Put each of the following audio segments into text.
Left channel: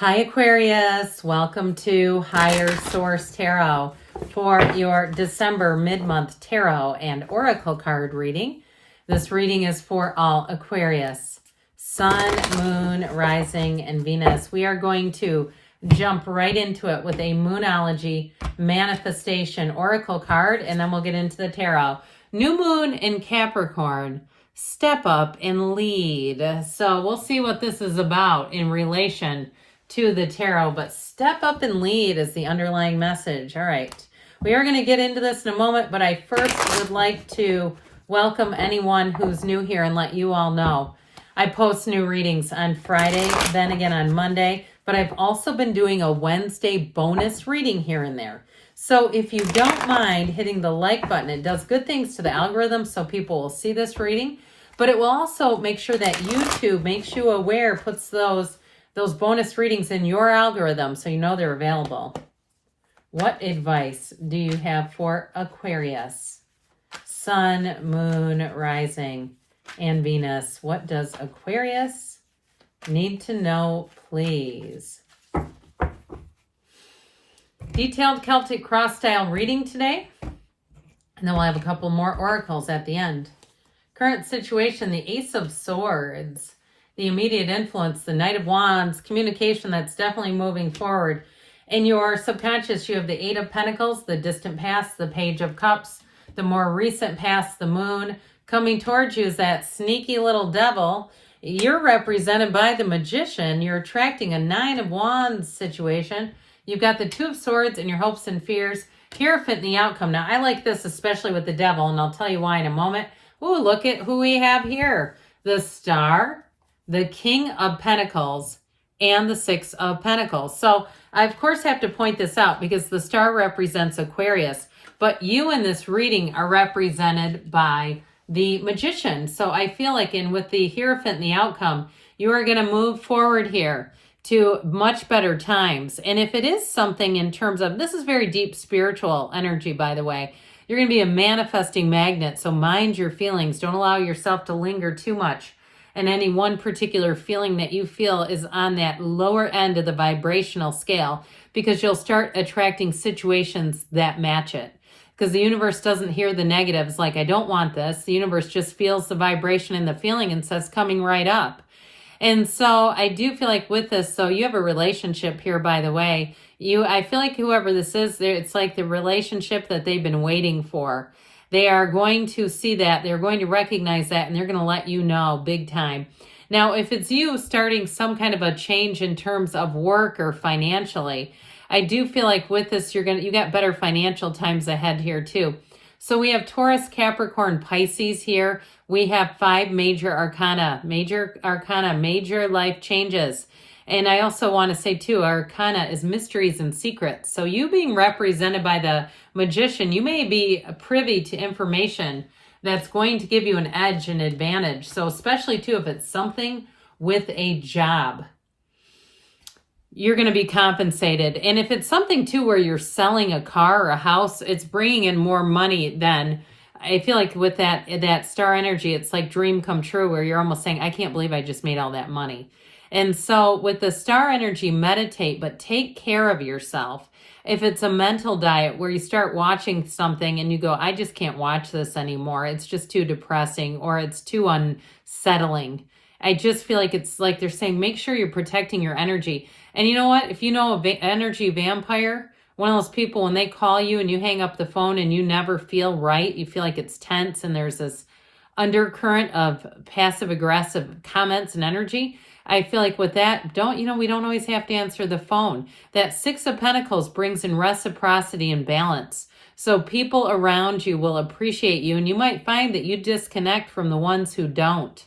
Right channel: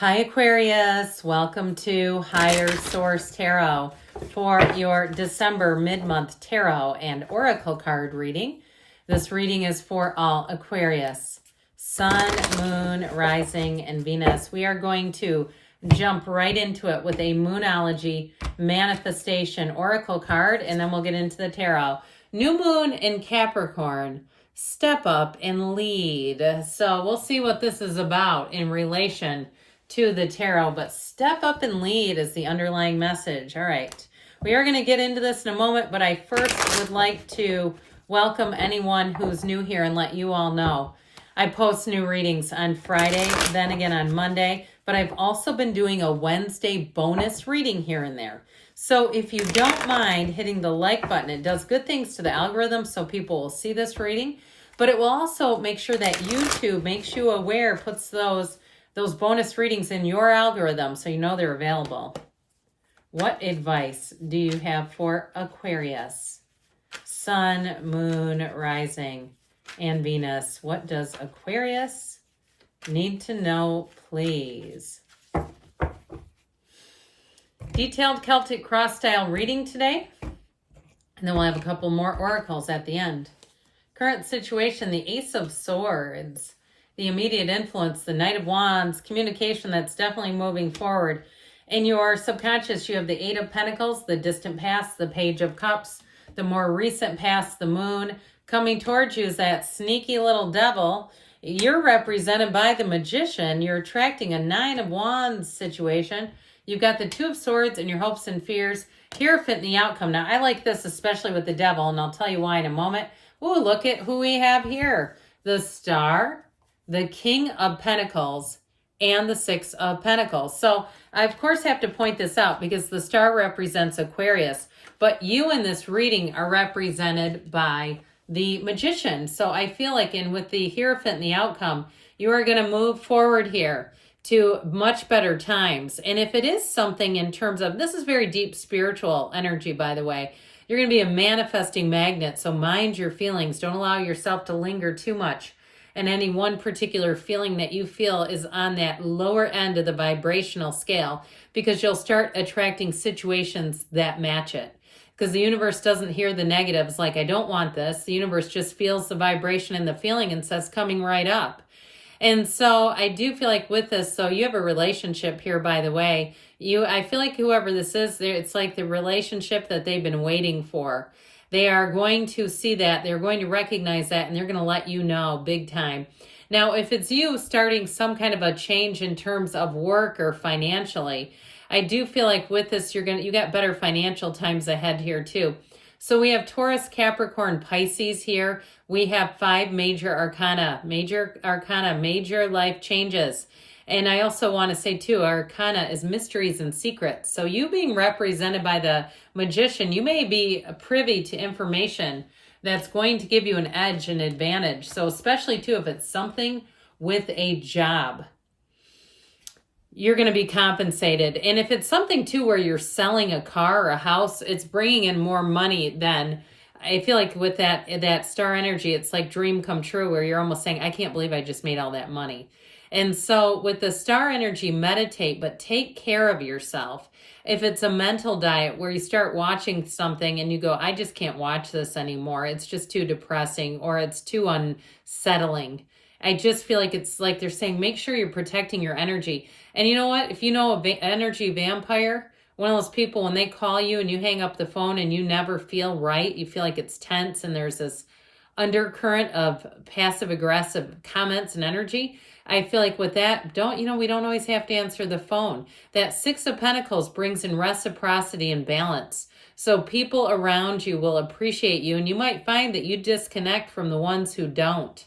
Hi Aquarius, welcome to Higher Source Tarot for your December mid-month tarot and oracle card reading. This reading is for all Aquarius, Sun, Moon, Rising, and Venus. We are going to jump right into it with a Moonology manifestation oracle card, and then we'll get into the tarot. New Moon in Capricorn. Step up and lead. So we'll see what this is about in relation to the tarot, but step up and lead is the underlying message. All right, we are going to get into this in a moment, but I first would like to welcome anyone who's new here and let you all know I post new readings on Friday, then again on Monday, but I've also been doing a Wednesday bonus reading here and there. So if you don't mind hitting the like button, it does good things to the algorithm so people will see this reading, but it will also make sure that YouTube makes you aware, puts those bonus readings in your algorithm so you know they're available. What advice do you have for Aquarius? Sun, Moon, Rising, and Venus. What does Aquarius need to know, please? Detailed Celtic cross-style reading today. And then we'll have a couple more oracles at the end. Current situation, the Ace of Swords. The immediate influence, the Knight of Wands, communication that's definitely moving forward. In your subconscious, you have the Eight of Pentacles, the distant past, the Page of Cups, the more recent past, the Moon. Coming towards you is that sneaky little devil. You're represented by the Magician. You're attracting a Nine of Wands situation. You've got the Two of Swords and your hopes and fears. Hierophant in the outcome. Now, I like this especially with the devil, and I'll tell you why in a moment. Ooh, look at who we have here. The Star, the King of Pentacles, and the Six of Pentacles. So I, of course, have to point this out because the star represents Aquarius, but you in this reading are represented by the Magician. So I feel like with the Hierophant and the outcome, you are going to move forward here to much better times. And if it is something in terms of, this is very deep spiritual energy, by the way, you're going to be a manifesting magnet. So mind your feelings. Don't allow yourself to linger too much. And any one particular feeling that you feel is on that lower end of the vibrational scale, because you'll start attracting situations that match it. Because the universe doesn't hear the negatives like, I don't want this. The universe just feels the vibration and the feeling and says, coming right up. And so I do feel like with this, so you have a relationship here, by the way. I feel like whoever this is, it's like the relationship that they've been waiting for. They are going to see that, they're going to recognize that, and they're going to let you know big time. Now, if it's you starting some kind of a change in terms of work or financially, I do feel like with this, you got better financial times ahead here too. So we have Taurus, Capricorn, Pisces here. We have 5 major arcana, major life changes. And I also want to say too, Arcana is mysteries and secrets. So you being represented by the Magician, you may be privy to information that's going to give you an edge and advantage. So especially too, if it's something with a job, you're going to be compensated. And if it's something too where you're selling a car or a house, it's bringing in more money then. I feel like with that star energy, it's like dream come true where you're almost saying, I can't believe I just made all that money. And so with the star energy, meditate, but take care of yourself. If it's a mental diet where you start watching something and you go, I just can't watch this anymore. It's just too depressing or it's too unsettling. I just feel like it's like they're saying, make sure you're protecting your energy. And you know what? If you know an energy vampire, one of those people, when they call you and you hang up the phone and you never feel right, you feel like it's tense and there's this undercurrent of passive aggressive comments and energy. I feel like with that, we don't always have to answer the phone. That Six of Pentacles brings in reciprocity and balance. So people around you will appreciate you, and you might find that you disconnect from the ones who don't.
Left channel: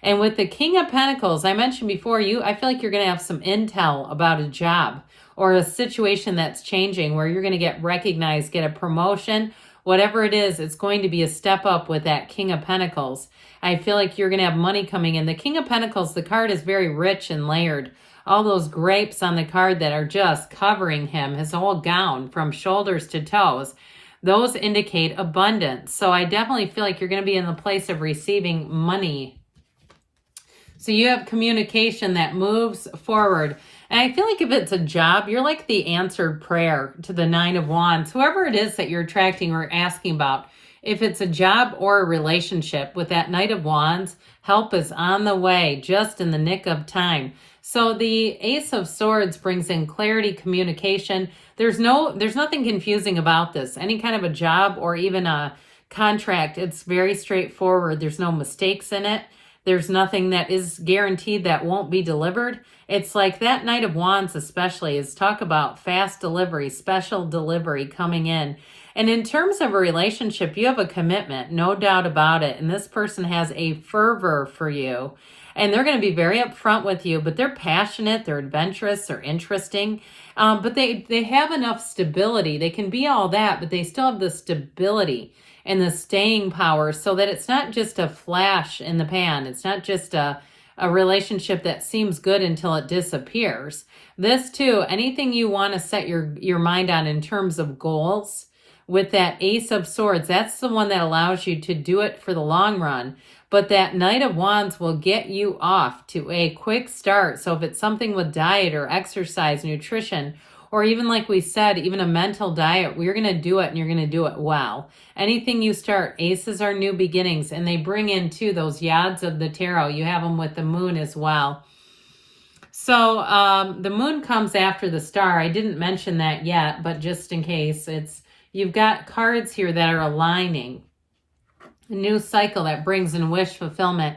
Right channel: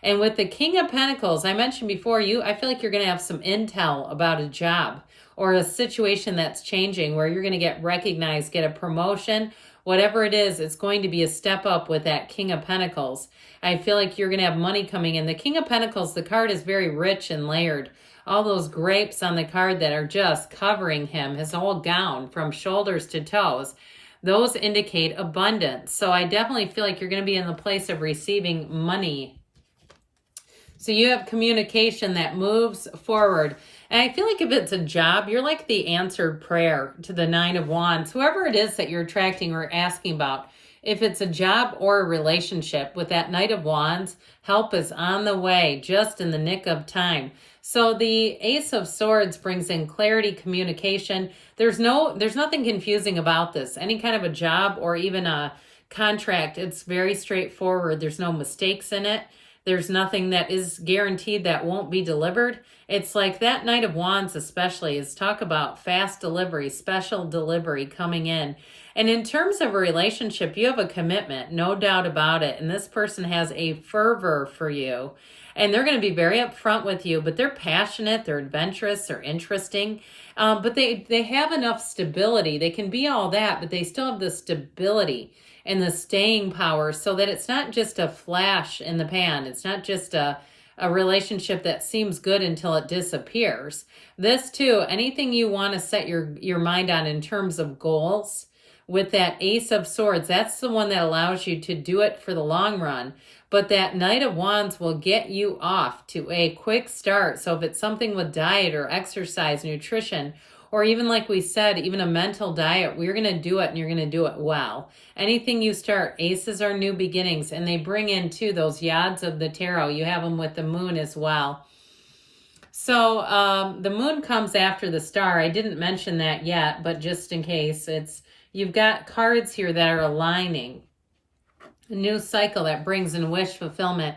And with the King of Pentacles, I mentioned before, I feel like you're going to have some intel about a job or a situation that's changing where you're going to get recognized, get a promotion. Whatever it is, it's going to be a step up with that King of Pentacles. I feel like you're going to have money coming in. The King of Pentacles, the card is very rich and layered. All those grapes on the card that are just covering him, his whole gown from shoulders to toes, those indicate abundance. So I definitely feel like you're going to be in the place of receiving money. So you have communication that moves forward. And I feel like if it's a job, you're like the answered prayer to the Nine of Wands. Whoever it is that you're attracting or asking about, if it's a job or a relationship, with that Knight of Wands, help is on the way, just in the nick of time. So the Ace of Swords brings in clarity, communication. There's nothing confusing about this. Any kind of a job or even a contract, it's very straightforward. There's no mistakes in it. There's nothing that is guaranteed that won't be delivered. It's like that Knight of Wands especially is talk about fast delivery, special delivery coming in. And in terms of a relationship, you have a commitment, no doubt about it. And this person has a fervor for you. And they're going to be very upfront with you, but they're passionate, they're adventurous, they're interesting. But they have enough stability. They can be all that, but they still have the stability and the staying power, so that it's not just a flash in the pan. It's not just a relationship that seems good until it disappears. This too, anything you want to set your mind on in terms of goals, with that Ace of Swords, that's the one that allows you to do it for the long run. But that Knight of Wands will get you off to a quick start. So if it's something with diet or exercise, nutrition, or even like we said, even a mental diet, we're going to do it and you're going to do it well. Anything you start, aces are new beginnings, and they bring in too those yads of the tarot. You have them with the moon as well. So the moon comes after the star. I didn't mention that yet, but just in case, you've got cards here that are aligning. A new cycle that brings in wish fulfillment.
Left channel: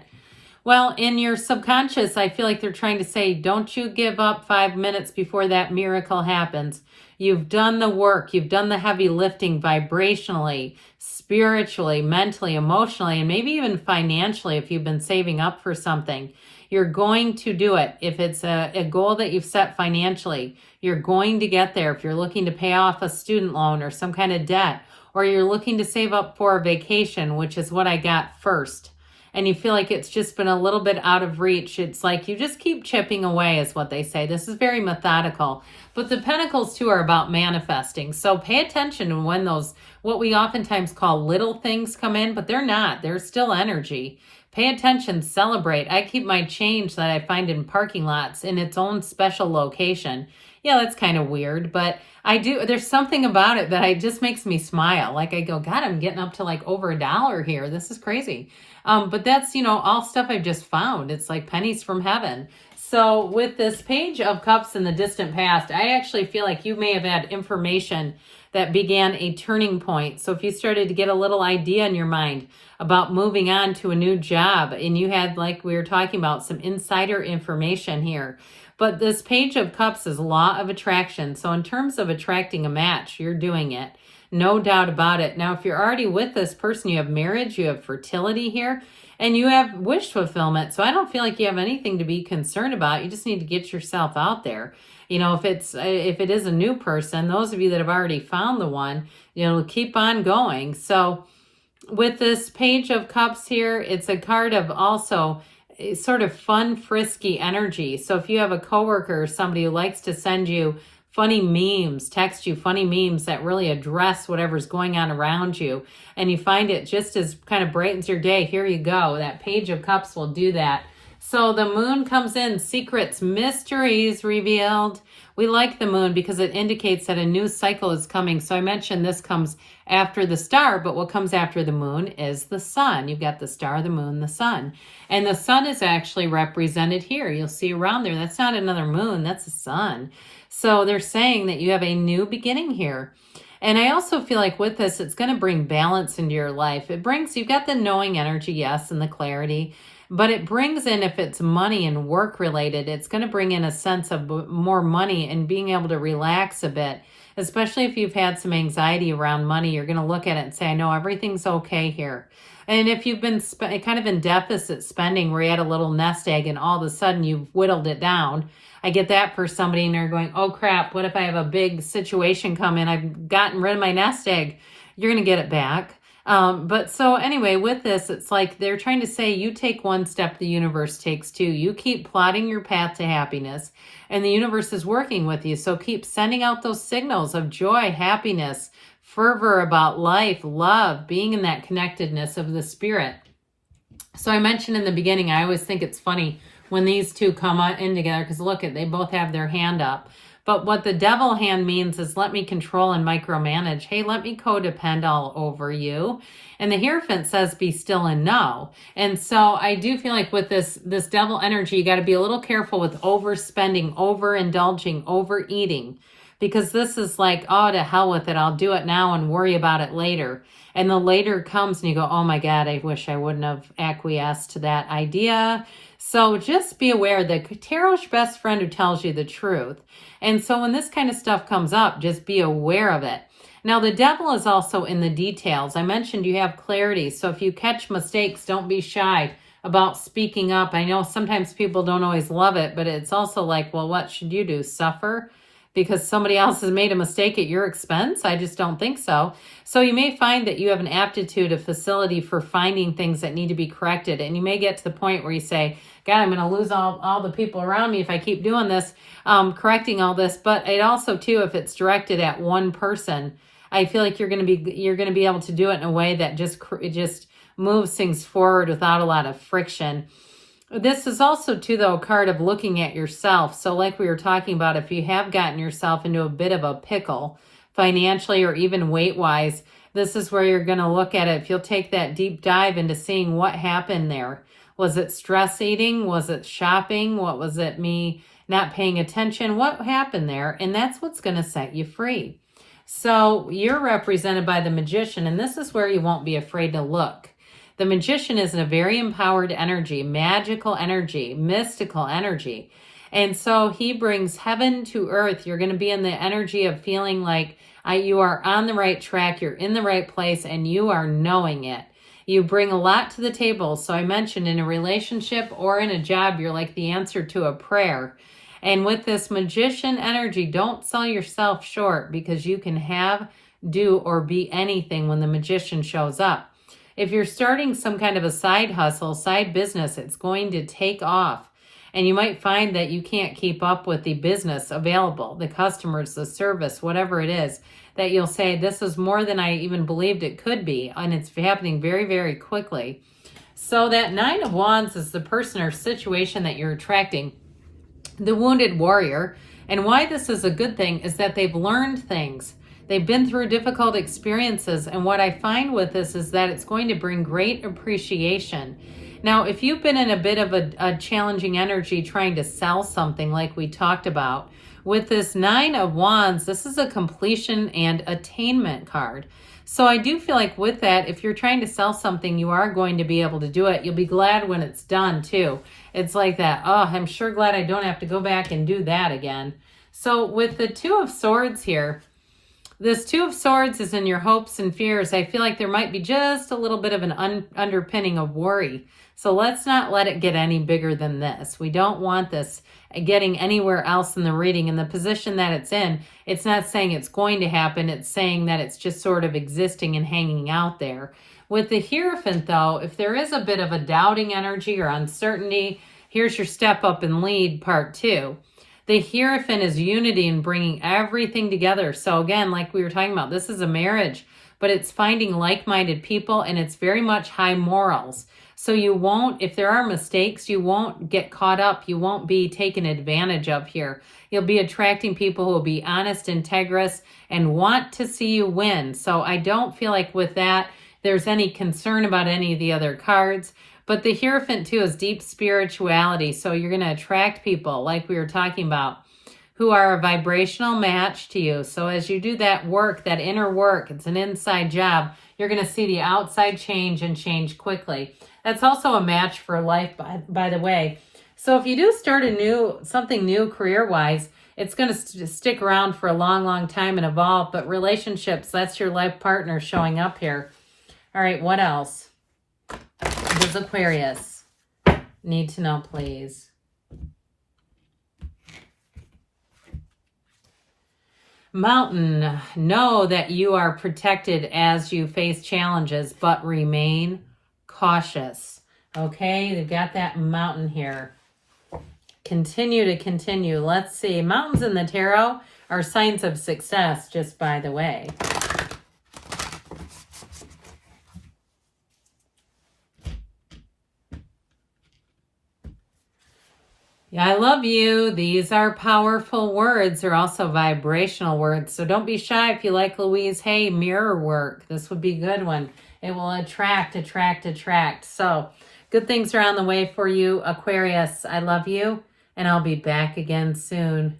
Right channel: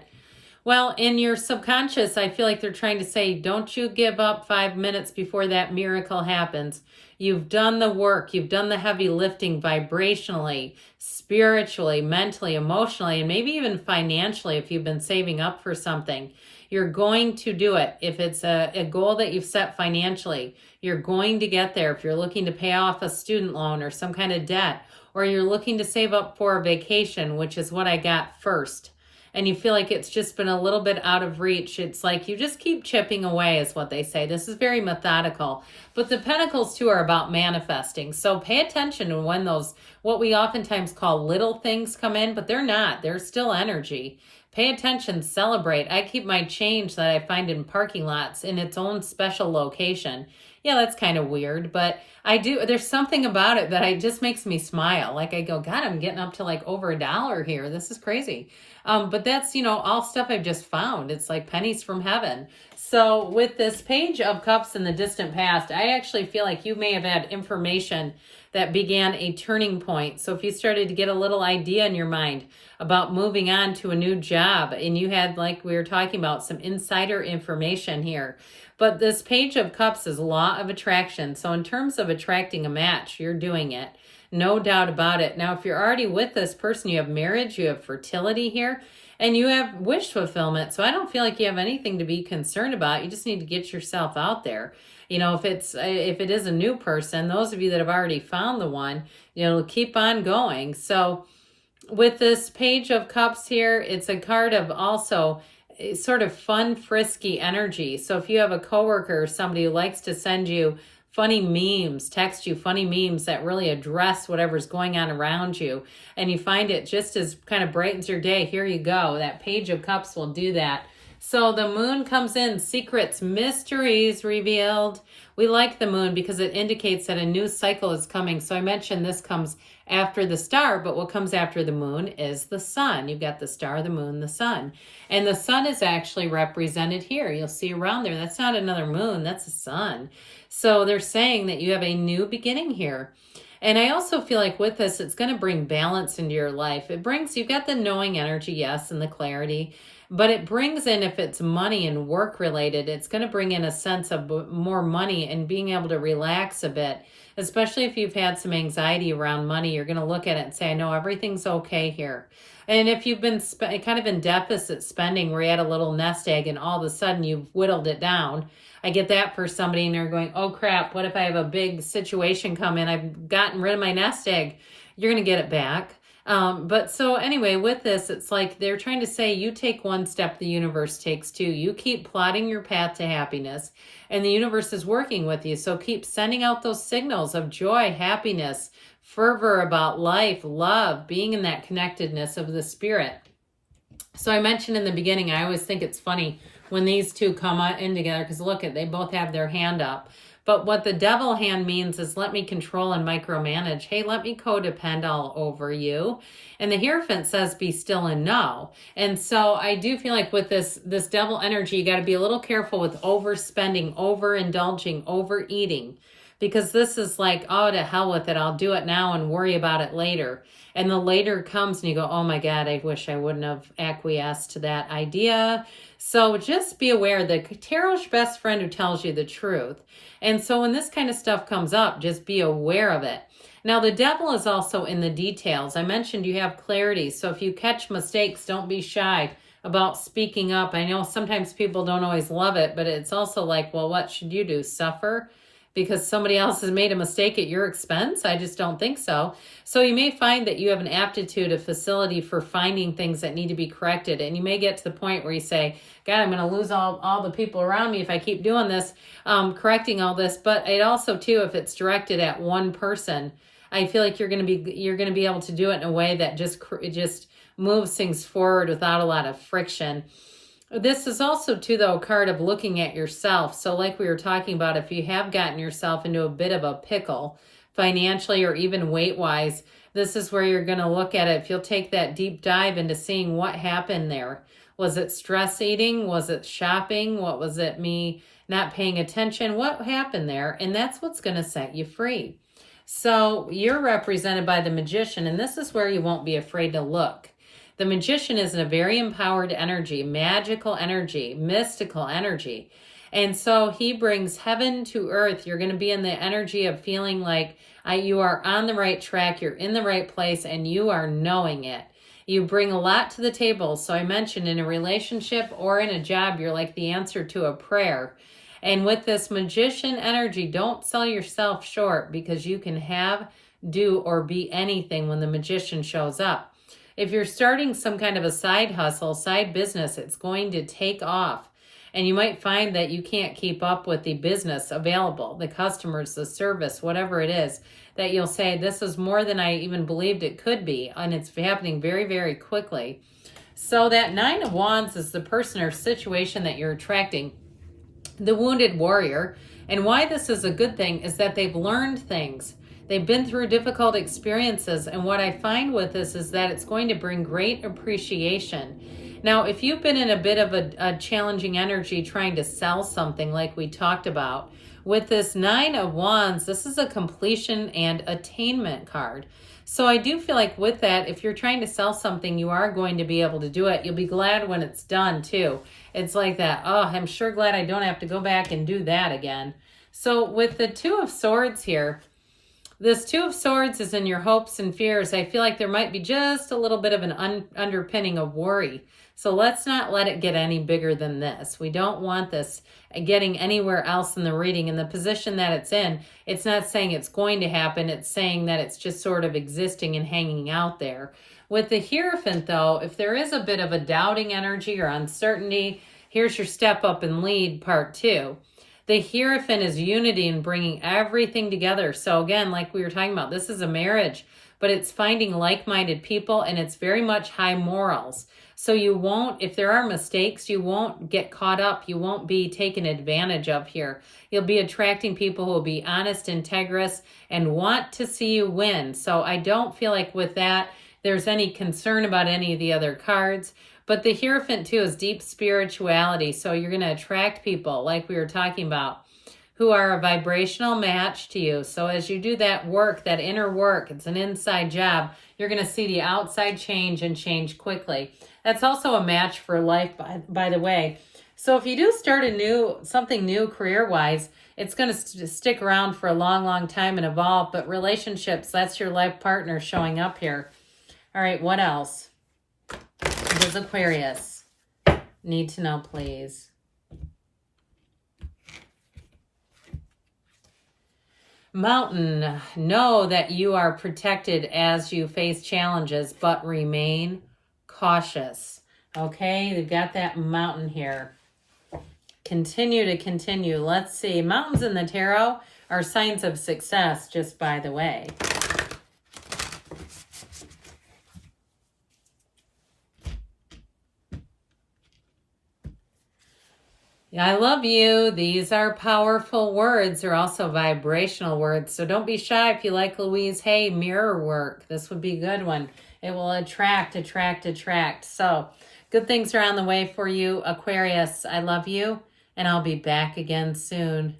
Well, in your subconscious, I feel like they're trying to say, don't you give up 5 minutes before that miracle happens. You've done the work. You've done the heavy lifting vibrationally, spiritually, mentally, emotionally, and maybe even financially if you've been saving up for something. You're going to do it. If it's a goal that you've set financially, you're going to get there. If you're looking to pay off a student loan or some kind of debt, or you're looking to save up for a vacation, which is what I got first, and you feel like it's just been a little bit out of reach, it's like you just keep chipping away is what they say. This is very methodical. But the Pentacles too are about manifesting. So pay attention to when those, what we oftentimes call little things come in, but they're not. They're still energy. Pay attention, celebrate. I keep my change that I find in parking lots in its own special location. Yeah, that's kind of weird, but I do. There's something about it that just makes me smile. Like I go, God, I'm getting up to like over $1 here. This is crazy. But that's, all stuff I've just found. It's like pennies from heaven. So with this Page of Cups in the distant past, I actually feel like you may have had information that began a turning point. So if you started to get a little idea in your mind about moving on to a new job, and you had, like we were talking about, some insider information here. But this Page of Cups is law of attraction. So in terms of attracting a match, you're doing it. No doubt about it. Now, if you're already with this person, you have marriage, you have fertility here, and you have wish fulfillment. So I don't feel like you have anything to be concerned about. You just need to get yourself out there. If it is a new person, those of you that have already found the one, keep on going. So with this Page of Cups here, it's a card of also sort of fun, frisky energy. So if you have a coworker or somebody who likes to send you funny memes, text you funny memes that really address whatever's going on around you, and you find it just as kind of brightens your day, here you go. That Page of Cups will do that. So the moon comes in, secrets, mysteries revealed. We like the moon because it indicates that a new cycle is coming. So I mentioned this comes after the star, but what comes after the moon is the sun. You've got the star, the moon, the sun. And the sun is actually represented here. You'll see around there. That's not another moon, that's the sun. So they're saying that you have a new beginning here. And I also feel like with this, it's going to bring balance into your life. You've got the knowing energy, yes, and the clarity. But it brings in, if it's money and work related, it's going to bring in a sense of more money and being able to relax a bit. Especially if you've had some anxiety around money, you're going to look at it and say, I know everything's okay here. And if you've been kind of in deficit spending where you had a little nest egg and all of a sudden you've whittled it down, I get that for somebody and they're going, oh crap, what if I have a big situation come in? I've gotten rid of my nest egg. You're going to get it back. But so anyway, with this, it's like they're trying to say you take one step, the universe takes two. You keep plotting your path to happiness and the universe is working with you. So keep sending out those signals of joy, happiness, fervor about life, love, being in that connectedness of the spirit. So I mentioned in the beginning, I always think it's funny when these two come in together, because look at, they both have their hand up. But what the devil hand means is let me control and micromanage. Hey, let me codepend all over you. And the Hierophant says be still and know. And so I do feel like with this devil energy, you got to be a little careful with overspending, overindulging, overeating. Because this is like, oh, to hell with it. I'll do it now and worry about it later. And the later comes and you go, oh my God, I wish I wouldn't have acquiesced to that idea. So just be aware that tarot's your best friend who tells you the truth. And so when this kind of stuff comes up, just be aware of it. Now, the devil is also in the details. I mentioned you have clarity. So if you catch mistakes, don't be shy about speaking up. I know sometimes people don't always love it, but it's also like, well, what should you do? Suffer because somebody else has made a mistake at your expense? I just don't think so. So you may find that you have an aptitude, a facility for finding things that need to be corrected. And you may get to the point where you say, God, I'm going to lose all the people around me if I keep doing this, correcting all this. But it also, too, if it's directed at one person, I feel like you're going to be able to do it in a way that just moves things forward without a lot of friction. This is also, too, though, a card of looking at yourself. So like we were talking about, if you have gotten yourself into a bit of a pickle financially or even weight-wise, this is where you're going to look at it. If you'll take that deep dive into seeing what happened there. Was it stress eating? Was it shopping? What was it, me not paying attention? What happened there? And that's what's going to set you free. So you're represented by the Magician, and this is where you won't be afraid to look. The Magician is a very empowered energy, magical energy, mystical energy. And so he brings heaven to earth. You're going to be in the energy of feeling like you are on the right track, you're in the right place, and you are knowing it. You bring a lot to the table. So I mentioned in a relationship or in a job, you're like the answer to a prayer. And with this Magician energy, don't sell yourself short because you can have, do, or be anything when the Magician shows up. If you're starting some kind of a side hustle, side business, it's going to take off. And you might find that you can't keep up with the business available, the customers, the service, whatever it is, that you'll say, this is more than I even believed it could be. And it's happening very, very quickly. So that Nine of Wands is the person or situation that you're attracting, the wounded warrior. And why this is a good thing is that they've learned things. They've been through difficult experiences. And what I find with this is that it's going to bring great appreciation. Now, if you've been in a bit of a challenging energy trying to sell something like we talked about, with this Nine of Wands, this is a completion and attainment card. So I do feel like with that, if you're trying to sell something, you are going to be able to do it. You'll be glad when it's done too. It's like that, oh, I'm sure glad I don't have to go back and do that again. So with the Two of Swords here, this Two of Swords is in your hopes and fears. I feel like there might be just a little bit of an underpinning of worry. So let's not let it get any bigger than this. We don't want this getting anywhere else in the reading. In the position that it's in, it's not saying it's going to happen. It's saying that it's just sort of existing and hanging out there. With the Hierophant, though, if there is a bit of a doubting energy or uncertainty, here's your step up and lead part 2. The Hierophant is unity and bringing everything together. So again, like we were talking about, this is a marriage, but it's finding like-minded people, and it's very much high morals. So you won't, if there are mistakes, you won't get caught up. You won't be taken advantage of here. You'll be attracting people who will be honest, integrous, and want to see you win. So I don't feel like with that, there's any concern about any of the other cards. But the Hierophant, too, is deep spirituality. So you're going to attract people, like we were talking about, who are a vibrational match to you. So as you do that work, that inner work, it's an inside job, you're going to see the outside change and change quickly. That's also a match for life, by the way. So if you do start something new career-wise, it's going to stick around for a long, long time and evolve. But relationships, that's your life partner showing up here. All right, what else? Here's Aquarius. Need to know, please. Mountain, know that you are protected as you face challenges, but remain cautious. Okay, we've got that Mountain here. Continue to continue. Let's see. Mountains in the tarot are signs of success, just by the way. I love you. These are powerful words. They're also vibrational words. So don't be shy if you like Louise Hay mirror work. This would be a good one. It will attract, attract, attract. So good things are on the way for you, Aquarius. I love you, and I'll be back again soon.